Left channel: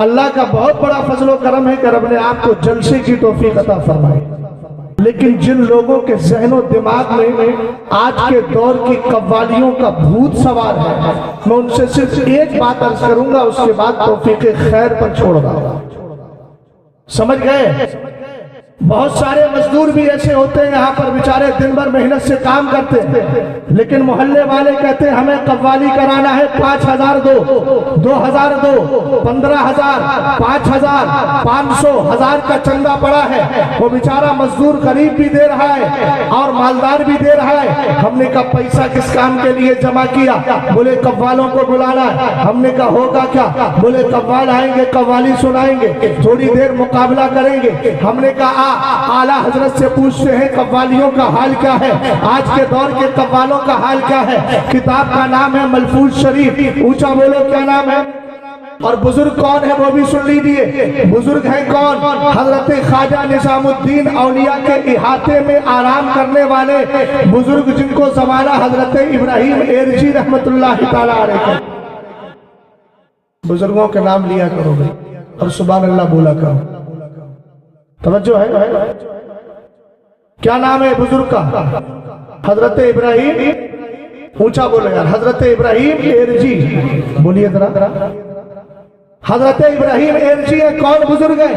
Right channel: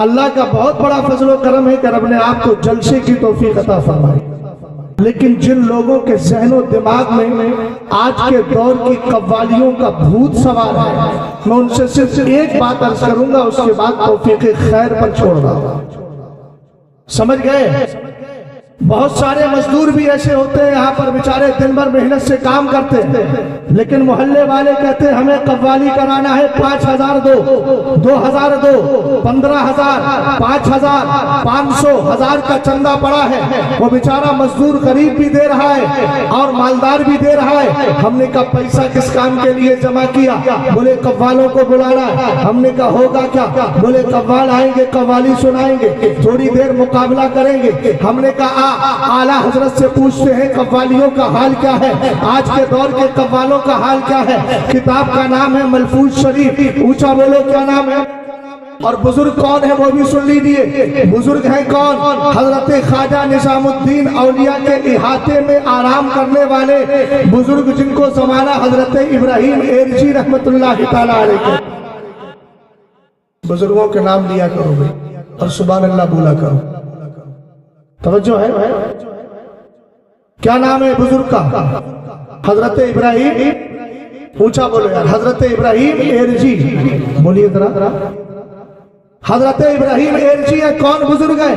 اللہ کا بہت بڑا فضل و کرم ہے کہ رب نے آپ کو جلسے کی توفیق عطا فرمائی، لیکن جن لوگوں کے ذہن و دماغ میں آج کے دور کی قوالیوں کا بھوت سوار ہے، میں ان سے صرف ایک بات عرض کروں گا، اس کے بعد توفیق خیر پر چھوڑ رہا ہوں۔ سمجھ گئے؟ بہت سارے مزدور بھی ایسے ہوتے ہیں یہاں پر بیچارے دن بھر محنت سے کام کرتے ہیں، لیکن محلے والے کہتے ہیں ہمیں قوالی کرانا ہے، 5,000 دو، 2,000 دو، 15,000، 5,000، 500، 1,000 کا چندہ پڑا ہے۔ وہ بیچارہ مزدور غریب بھی دے رہا ہے اور مالدار بھی دے رہا ہے۔ ہم نے کہا پیسہ کس کام کے لیے جمع کیا؟ بولے قوالوں کو بلانا۔ ہم نے کہا ہوگا کیا؟ بولے قوال آئیں گے، قوالی سنائیں گے، تھوڑی دیر مقابلہ کریں گے۔ ہم نے کہا اعلیٰ حضرت سے پوچھتے ہیں قوالیوں کا حال کیا ہے، آج کے دور کے قوالوں کا حال کیا ہے؟ کتاب کا نام ہے ملفوظ شریف، اونچا بولو کیا نام ہے؟ اور بزرگ کون ہے وہ بھی سن لیجیے۔ بزرگ ہیں کون؟ حضرت خواجہ نظام الدین اولیاء کے احاطے میں آرام کرنے والے بزرگ، جن کو زمانہ حضرت ابراہیم ایرجی رحمت اللہ تعالیٰ علیہ کے۔ بزرگوں کے نام لیا کرو گے اور سبحان اللہ بولا کرو، توجہ ہے؟ کیا نام ہے بزرگ کا؟ حضرت ابراہیم، اونچا بولو یار، حضرت ابراہیم ایرجی، بولیے ذرا۔ حضرت ابراہیم ایرجی ہے، کون بزرگ ہے؟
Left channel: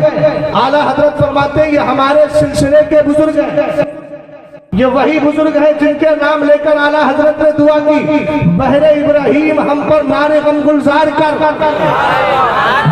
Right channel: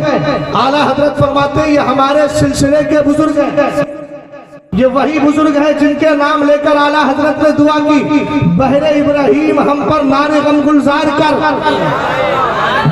اعلیٰ حضرت فرماتے ہیں یہ ہمارے سلسلے کے بزرگ ہیں، یہ وہی بزرگ ہیں جن کے نام لے کر اعلیٰ حضرت نے دعا کی، بہر ابراہیم ہم پر نار غم گلزار کر،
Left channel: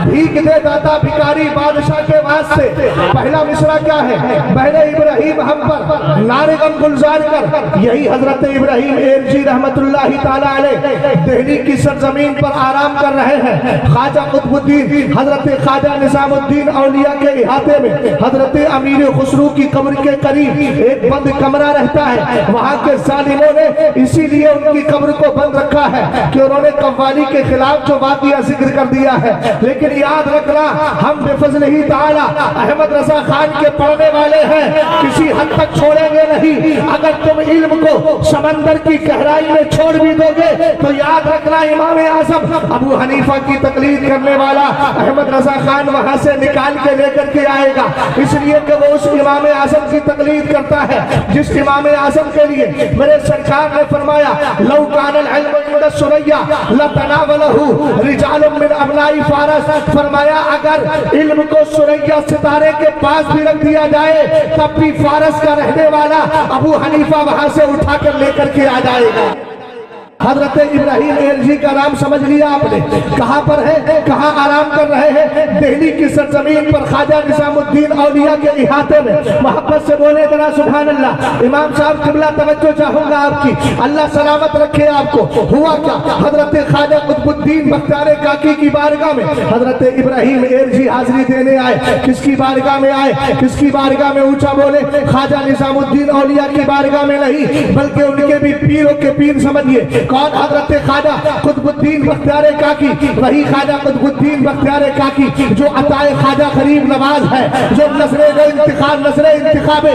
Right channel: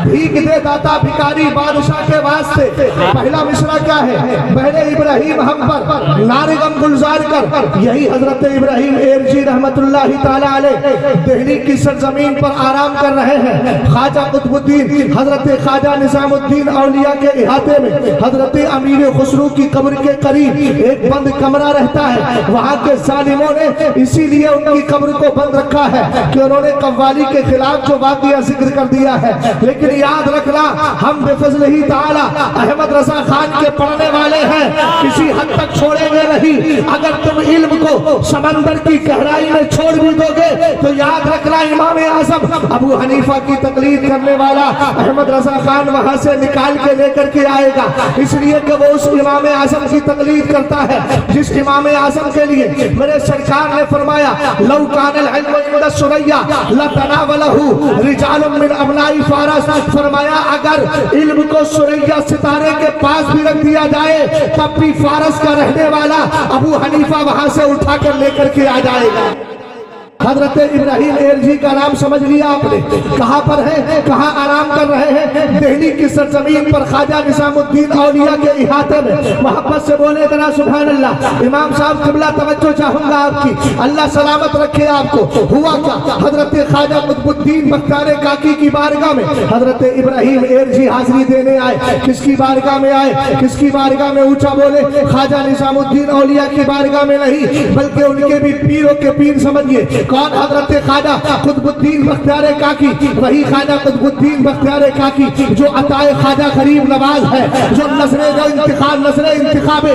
بھیک دے داتا بھکاری بادشاہ کے واسطے۔ پہلا مصرع کیا ہے؟ بہر ابراہیم ہم پر نار غم گلزار کر۔ یہی حضرت ابراہیم ایرجی رحمت اللہ تعالیٰ علیہ دہلی کی سرزمین پر آرام کر رہے ہیں۔ خواجہ قطب الدین حضرت خواجہ نظام الدین اولیاء کے احاطے میں حضرت امیر خسرو کی قبر کے قریب ایک بند کمرہ رہتا ہے۔ وہاں کے ظالموں نے اسی لیے ان کی قبر کو بند رکھا ہے کہ انہوں نے قوالی کے خلاف جو واقعہ ذکر کر دیا ہے، لیکن یاد رکھنا ہم بے فضل ہی تعالی احمد رضا خان کے پڑھنے والے ہیں، کسی حد تک چھوڑیں گے نہیں۔ اگر تم علم کو سمندر کی گہرائی میں چھوڑ بھی دو گے تو یاد رکھنا امام اعظم ابو حنیفہ کی تقلید کرنے والا احمد رضا خان وہاں سے نکال کے لے کر کے آئے گا، اس لیے کہ وہ اس امام اعظم کی تقلید کرتا ہے جس امام اعظم کے لیے میرے سرکار نے فرمایا لو کان العلم عند الثریا لتناولہ رجال من ابناء فارس۔ فرمایا اگر علم کو ثریا ستارے کے پاس بھی رکھ دیا جائے تب بھی فارس کا رہنے والا ابو حنیفہ وہاں سے اٹھا کر لے کر کے آ جائے گا۔ حضرت ابراہیم ایرجی کا نام سمجھ لیا آپ نے، کہاں پر ہے، کہاں آرام کر رہے ہیں؟ دہلی کی سرزمین پر خواجہ نظام الدین اولیاء کے احاطے میں۔ محبت سے بولے ذرا سبحان اللہ۔ امام صاحب قبلہ توجہ چاہوں گا آپ کی، اللہ سلامت رکھے آپ کو۔ ہوا کیا؟ حضرت خواجہ قطب الدین بختیار کاکی کی بارگاہ میں حضرت ابراہیم ایرجی حاضری دینے آئے۔ کس کی بارگاہ میں آئے؟ کس کی بارگاہ میں؟ اونچا بولے، خواجہ نظام الدین اولیاء کی بارگاہ میں نہیں بلکہ ان کے بھی پیروں کے پیر سمجھیے۔ کون؟ حضرت خواجہ قطب الدین بختیار کاکی، وہی خواجہ قطب الدین بختیار کاکی جو عطائے خواجہ غریب نواز ہے، جو نظر انتخاب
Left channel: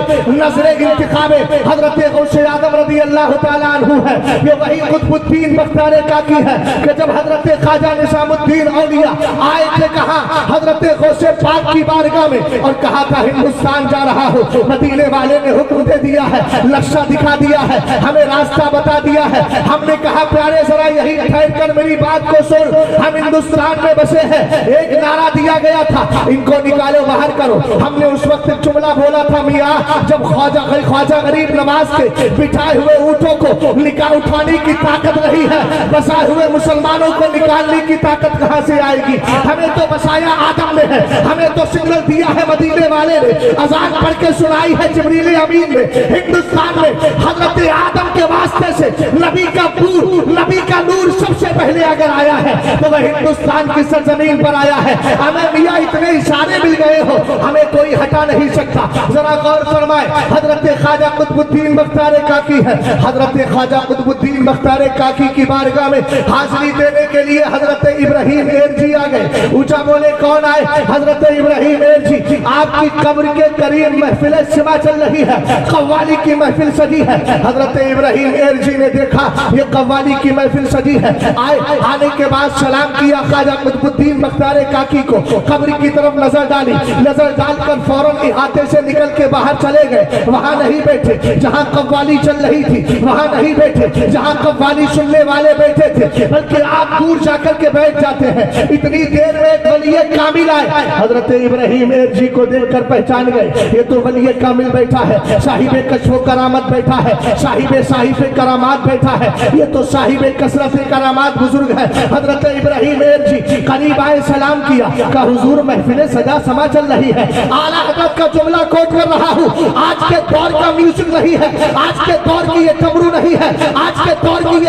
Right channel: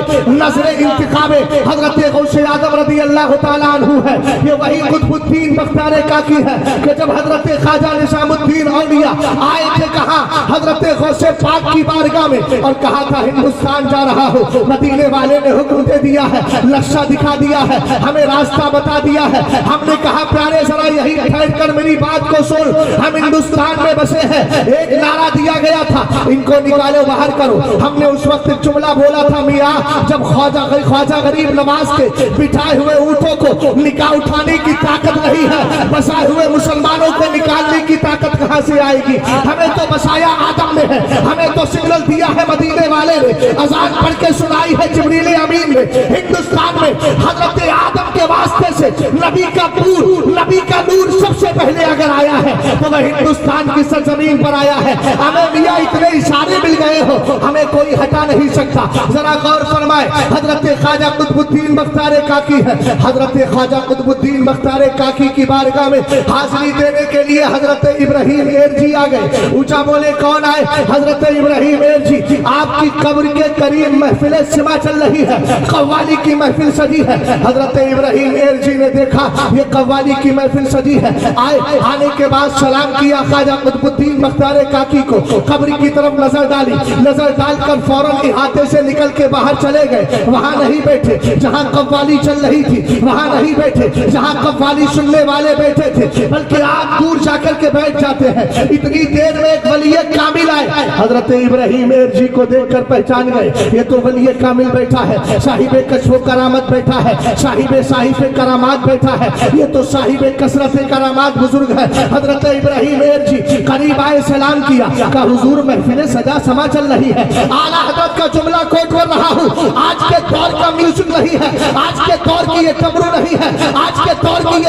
حضرت غوث اعظم رضی اللہ تعالیٰ عنہ ہے۔ یہ وہی قطب الدین بختیار کاکی ہے کہ جب حضرت خواجہ نظام الدین اولیاء آئے تھے کہاں؟ حضرت غوث پاک کی بارگاہ میں، اور کہا تھا ہندوستان جا رہا ہو، مدینے والے نے حکم دے دیا ہے، نقشہ دکھا دیا ہے، ہمیں راستہ بتا دیا ہے۔ ہم نے کہا پیارے ذرا یہی ٹھہر کر میری بات کو سن، ہم ہندوستان میں بسے ہیں۔ ایک نعرہ دیا گیا تھا ان کو نکالو باہر کرو۔ ہم نے اس وقت جملہ بولا تھا میاں جب خواجہ غریب نواز کے بٹھائے ہوئے اونٹوں کو اٹھانے کی طاقت نہیں ہے، بسائے ہوئے مسلمانوں کو نکالنے کی طاقت کہاں سے آئے گی؟ ہمیں تو بسایا آدم نے ہے، ہمیں تو سگنل دیا ہے مدینے والے نے، اذان پڑھ کے سنائی ہے جبریل امین نے۔ ہندوستان میں حضرت آدم کے واسطے سے نبی کا نور سب سے پہلے اگر آیا ہے تو وہ ہندوستان کی سرزمین پر آیا ہے۔ ہمیں میاں اتنے اشارے مل گئے ہو، ہمیں کوئی ہٹا نہیں سکتا۔ ذرا غور فرمائے، حضرت خواجہ قطب الدین بختیار کاکی ہے، حضرت خواجہ قطب الدین بختیار کاکی کی بارگاہ میں حاضری دینے کے لیے حضرت ابراہیم ایرجی آ گئے۔ اونچا بولے کون آئے؟ حضرت ابراہیم ایرجی۔ آپ کی قبر کے قریب محفل سما چل رہی ہے، قوالی کی محفل سجی ہے۔ حضرت ابراہیم ایرجی نے دیکھا یہ قوالی کی محفل سجی ہے، आने के बाद सलाम किया ख्वाजा कुतुबुद्दीन बख्तियार काकी को, कब्र की तरफ नजर डाली, नजर डालकर फौरन इहाते से निकल के बाहर चले गए। वहां नहीं बैठे जहां कव्वाली चल रही थी, वहां नहीं बैठे जहां कव्वाली सुनने वाले बैठे थे, बल्कि आप दूर जाकर के बैठ जाते हैं। इतनी देर में एक वली कामिल आए, हजरत इब्राहिम जी को देखकर पहचान गए, ये तो वली कामिल बैठा है, साहिब कशफ करामत बैठा है, साहिब करामात बैठा है, ये तो साहिब कसरत करामात बुजुर्ग है। हजरत इब्राहिम जी करीब आए, सलाम किया, कहा हुजूर महफिल सजा समा चल रही है, आला हजरत का जुमला कोट कर रहा हूँ, आज के दौर का म्यूजिक नहीं है, आज के दौर की ये डमरू नहीं है, आज के दौर की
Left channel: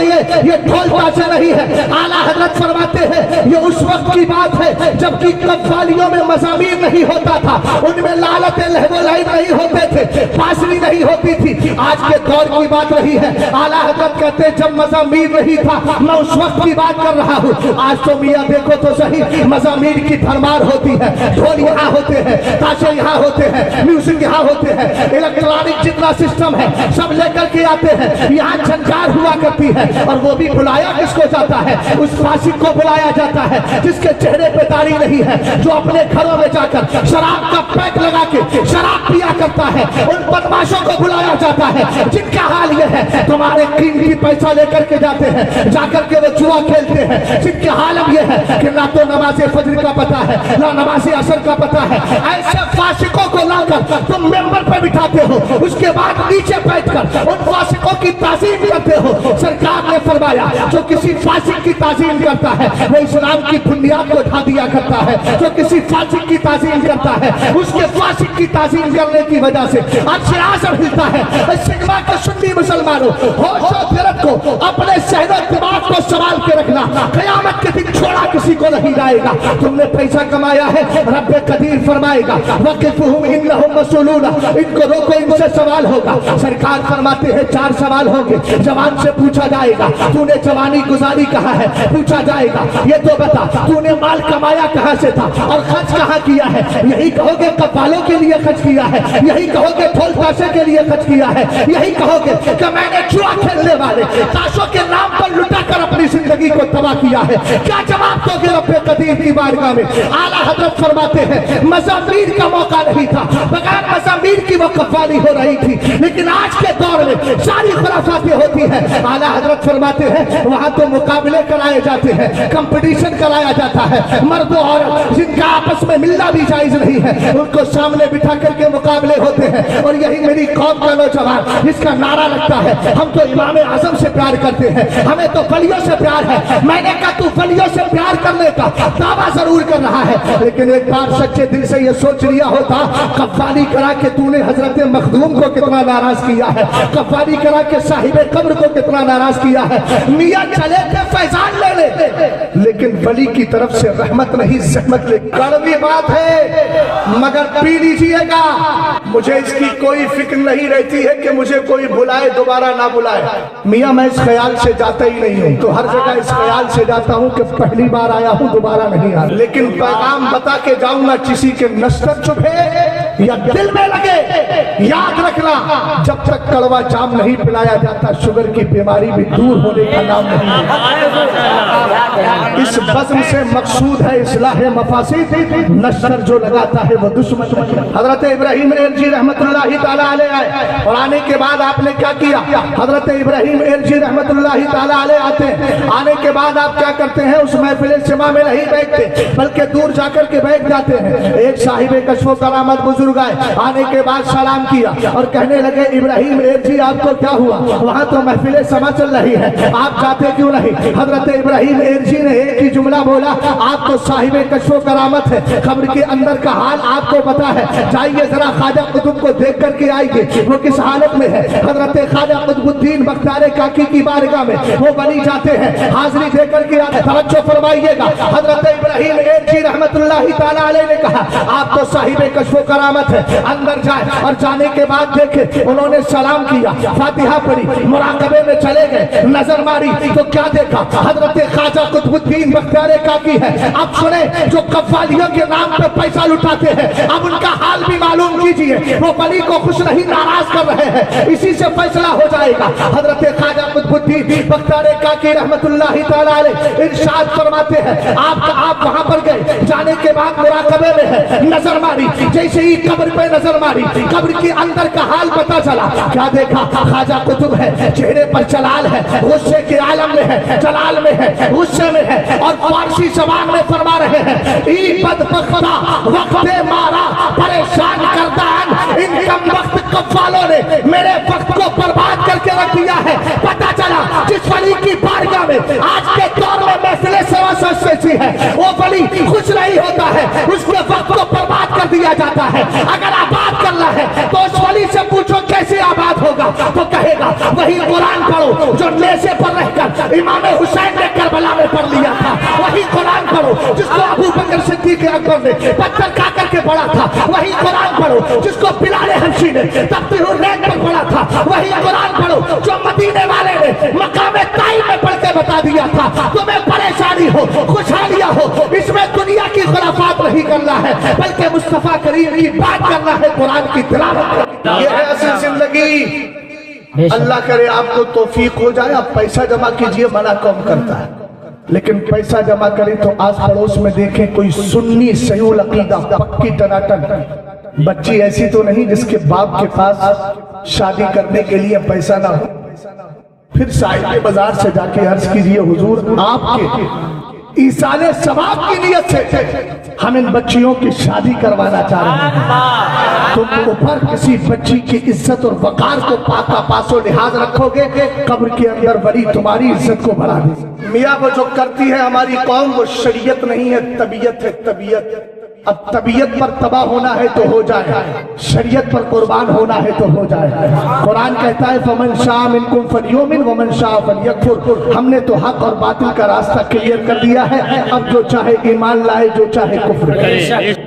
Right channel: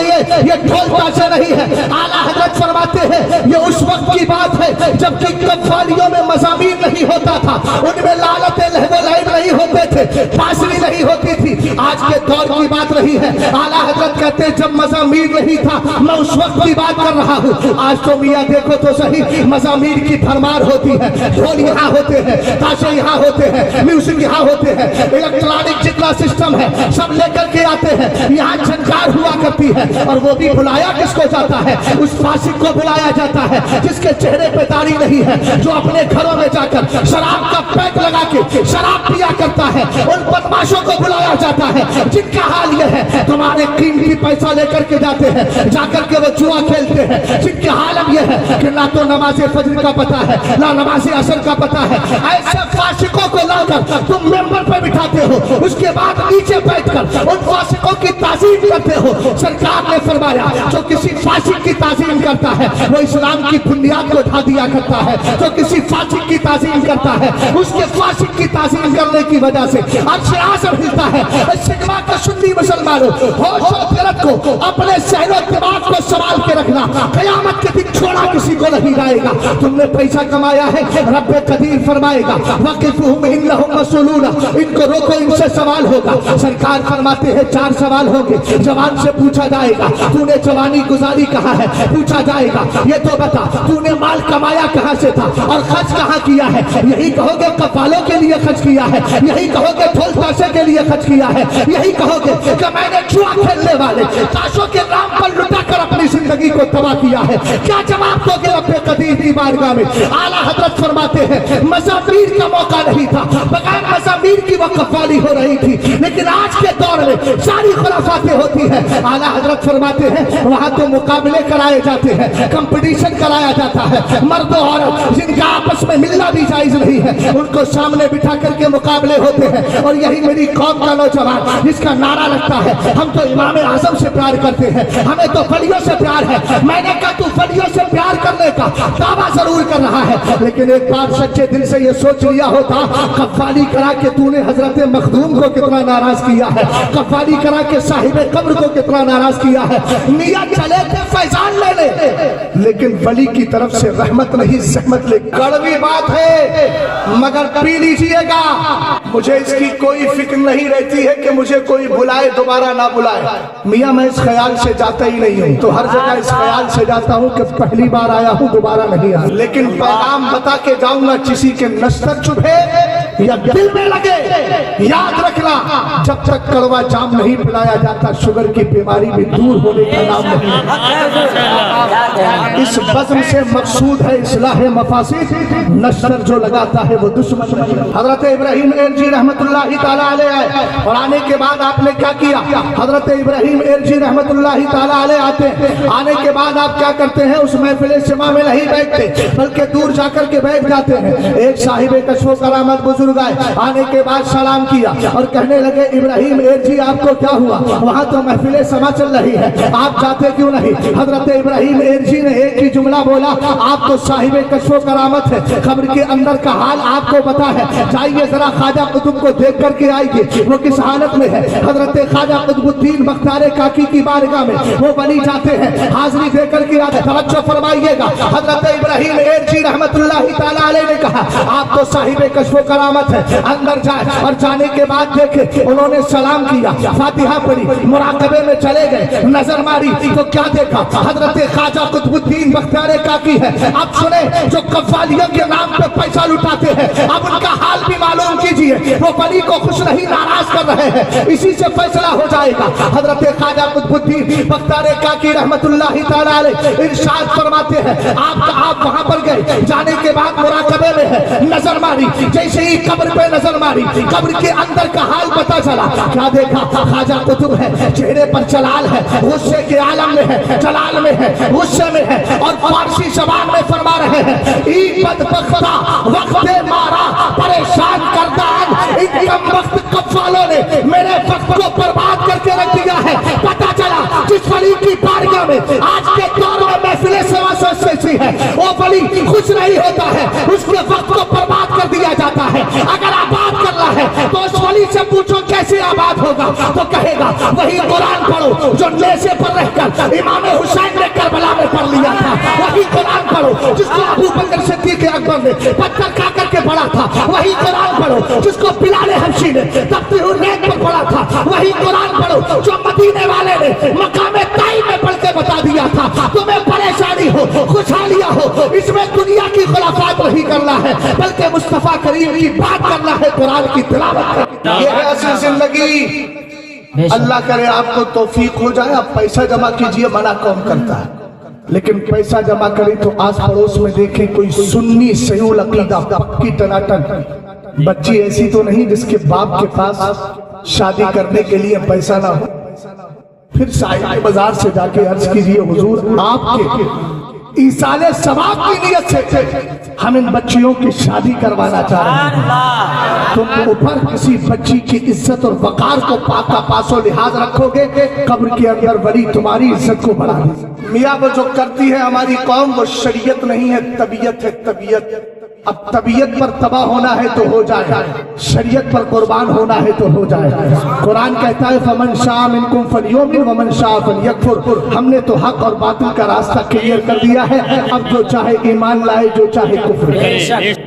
ये ढोल ताशे नहीं है। आला हजरत फरमाते हैं ये उस वक्त की बात है जबकि कव्वालियों में मज़ामीर नहीं होता था, उनमें लालते लहवो लाइन नहीं होते थे, बांसुरी नहीं होती थी, आज के दौर की बात रही है। आला हजरत कहते जब मज़ामीर नहीं था, मैं उस वक्त की बात कर रहा हूँ। आज तो मियाँ देखो तो सही, मज़ामीर की भरमार होती है, ढोल यहाँ होते हैं, ताशे यहाँ होते हैं, म्यूजिक यहाँ होते हैं, इलेक्ट्रॉनिक जितना सिस्टम है सब लेकर के आते हैं। यहाँ झंकार हुआ करती है, और वो भी बुलाया किसको जाता है, उस फासिक को बुलाया जाता है जिसके चेहरे पे दाढ़ी नहीं है, जो अपने घरों में जाकर शराब का पैक लगा के शराब पिया करता है। उन बदमाशों को बुलाया जाता है जिनका हाल ये है तुम्हारे कीमती पैसा लेकर के जाते हैं, जाकर के वो जुआ खेलते हैं, जिनके हाल अब ये है कि ना तो नमाज फजर का पता है, ना नमाज असर का पता है। ऐसे फासिकों को लाकर तुम मेंबर पर बिठाते हो, उसके बाद नीचे बैठकर उन फासिकों की ताज़ीम करते हो। सरकार ने फरमाया जो किसी फासिक की ताज़ीम करता है वो इस्लाम की बुनियाद को ढा दिया करता है, जो किसी फासिक की ताज़ीम करता है उसके फासिक की ताज़ीम करने की वजह से अर्श आज़म हिलता है। सिकवा के सुन्नी मुसलमानों, होश और फिरत को अपने सहनो दिमाग को संभाल के रखना, क़यामत के दिन छोड़ा किसी को नहीं जाएगा। तुमने पैसा कमाया है, रब्बे कदीर फरमाएगा वक़िफ़हुम इन्नहुम मसऊलून, इनको रोको, इनसे सवाल होगा। सरकार फरमाते हैं 4 सवाल होंगे। जवान से पूछा जाएगा तूने जवानी गुजारी कहाँ है, पूछा जाएगा ये तो बता तूने माल कमाया कहाँ से था और खर्च कहाँ किया है। यही कहोगे कव्वालों के लिए खर्च किया है, यही कहोगे ढोल ताशे के लिए खर्च किया है, यही कहोगे कि मैंने जुआ खेलने वाले ताशों के नाम पर लुटा कर अपनी जिंदगी को तबाह किया है। क्या जवाब दोगे रब्बे कदीर की बारगाह में। आला हजरत फरमाते हैं मज़ामीर का मौका नहीं था, बगैर मज़ामीर की वो कव्वाली हो रही थी, लेकिन आज के दौर में सारी खुराफातें होती हैं। आला हजरत फरमाते हैं वहां तो मुकाबले कराए जाते हैं, कंपटीशन कराया जाता है, मर्द और औरत जिनका आपस में मिलना भी जायज नहीं है उनको सामने बिठा करके मुकाबले होते हैं। और यही मेरी कौम का नौजवान जिसका नारा लगता है हम तो इमाम आजम से प्यार करते हैं, हमें तो वलियों से प्यार है। मैंने कहा तू वलियों से प्यार करने का दावा जरूर कर रहा है, लेकिन एक बार सच्चे दिल से ये सोच लिया होता कव्वाली करा के तूने हजरत मखदूम को कितना नाराज किया है, कव्वाली करा के साहिब कब्र को कितना नाराज किया है। मियां चले थे फैजान लेने, लेकिन वली की तरफ से रहमत नहीं ज़हमत ले। कड़वी बात है मगर पी लीजिएगा। मुझे इसकी कोई फिक्र नहीं रहती है कि मुझे कोई बुलाए दोबारा ना बुलाए। मियां मैं इस ख्याल से जाता ही नहीं हूँ, तो हर जगह इस ख्याल से जाता हूँ कि पहली बार आया हूँ दोबारा नहीं आया, लेकिन पैगाम बता के जाऊंगा किसी के नस्तर चुभे या दिल में लगे। याद रखना जब तक कड़वा जाम नहीं पिलाया जाता शुगर की बीमारी भी दूर होने का नाम नहीं है। इस बज़्म से मकसूद है इस्लाह मफासिद, नस्तर जो लगाता है वो दुश्मन। हजरत इब्राहिम जी रहमतुल्लाहि ताला अलैह आए और आने के बाद आपने क्या किया। हजरत इब्राहिम जी रहमतुल्लाहि ताला अलैह आते हैं, आने के बाद आप क्या करते हैं उस महफिल सिमा में नहीं बैठते बल्कि दूर जाकर के बैठ जाते हैं। एक साहिब कशफ करामत बुजुर्ग आए, आने के बाद सलाम किया और कहने लगे इब्राहिम जी आपको क्या हुआ, वहां तो महफिल समा चल रही है, आप जाते क्यों नहीं। हजरत इब्राहिम जी ने एक ही जुमला बोला आप तो साहिब कशफ करामत है, कब्र के अंदर का हाल आपको पता है, जाइए जरा ख्वाजा कुतुब को देख करके आइए वो किस हालत में है। हजरत ख्वाजा कुतुबुद्दीन बख्तियार काकी की बारगाह में वो बनी जाते हैं, हाजिरी दे करके आते। तवज्जो फरमाइएगा, हजरत इब्राहिम जी रहमतुल्लाहि ताला अलैह ने कहा आप तो साहिब कशफ करामत है, अंदर जाए। और जाने के बाद देखे उन्होंने सलाम किया, फातिहा पढ़ी, मुराकबे में चले गए, नजर मारी तो क्या देखा हजरत ख्वाजा कुतुबुद्दीन बख्तियार काकी है। अब सुने जो कव्वालियों के नाम पे पैसा लुटाते हैं अब उनका हाल भी मालूम कीजिए वो वली को खुश नहीं नाराज कर रहे हैं, इसी से फैसला हो जाएगा। हजरत ख्वाजा कुतुबुद्दीन बख्तियार काकी रहमतुल्लाहि तआला अलैह इरशाद फरमाते हैं, आप वहां पर गए, जाने के बाद मुराकबे में है, नजर मारी, जैसे ही कब्र पे नजर मारी, कब्र के अंदर का हाल पता चला। क्या देखा? ख्वाजा कुतुब है, चेहरे पर जलाल है, गुस्से के आलम में है, जलाल में है, गुस्से में है, और फारसी जबान में फरमा रहे हैं, ई बदबख्ता वक्त मारा परेशान करदान, इन कम वक्त कव्वालों ने मेरे वक्त को बर्बाद करके रख दिया है। पता चला जिस वली की बारगाह में आज के दौर में महफिल सेवा सजती है, वो वली खुश नहीं होता है, उसके वक्त को बर्बाद कर दिया जाता है। अगर आबाद करना है तो उस वली से पूछो कैसे आबाद होगा, तो कहेगा वही कुरान पढ़ो जो नेज़े पर रहकर इमाम हुसैन ने करबला में पढ़ लिया था, वही कुरान पढ़ो जिसको अबू बकर सिद्दीक़ अकबर ने पत्थर खा करके पढ़ा था, वही कुरान पढ़ो जिसको बिलाल हबशी ने तफ्सीरुल रैन पर पढ़ा था, वही कुरान पढ़ो जो मदीने वाले ने मकाम ताइब में पढ़ के बता दिया था। तुम्हें परेशानी हो, खुशहालियां हो, इसमें दुनिया की खुराफात नहीं करना है, बल्कि मुस्तफा करीम की बात करना है, कुरान की तिलावत करना। ये है असल जिंदगी। अल्लाह करे आपको तौफीक हो जाए, आप पैसा जमा कीजिए, मना कौन करता है, लेकिन पैसा जमा करें तो आस पड़ोस में देखें कोई सुन्नी सहीउल अकीदा पक्की टनाटन बच्ची ऐसी तो नहीं जिसके बाप के पास शादी करने के लिए पैसा ना हो। फिर साहिब बाजार से जाके अर्ज कीजिए, हुजूर आपके ईसाले सवाब की नियत से हम इन बच्चियों की शादी करवाना चाह रहे हैं, तुम ऊपर किसी बच्ची की इज्जत और वकार को पाका पासो लिहाज रखोगे, कब्र के अंदर बड़ी तुम्हारी इज्जत को बढ़ा दे। मियाँ वो जो करती है हमारी कौम, वो शरीयत नहीं है, तबीयत है, तबीयत। अब तबीयत पर तबाह होना है तो हो जाए, शरीयत पर कुर्बान होना है तो हो जाए। कुरान कहता है फमन शाअ मिनकुम फलयुमिन वमन शाअ फलयकफुर। हमने तो हक और बातिल का रास्ता क्लियर कर दिया है, अब जो चाहे ईमान लाए, जो चाहे कुफ्र करे।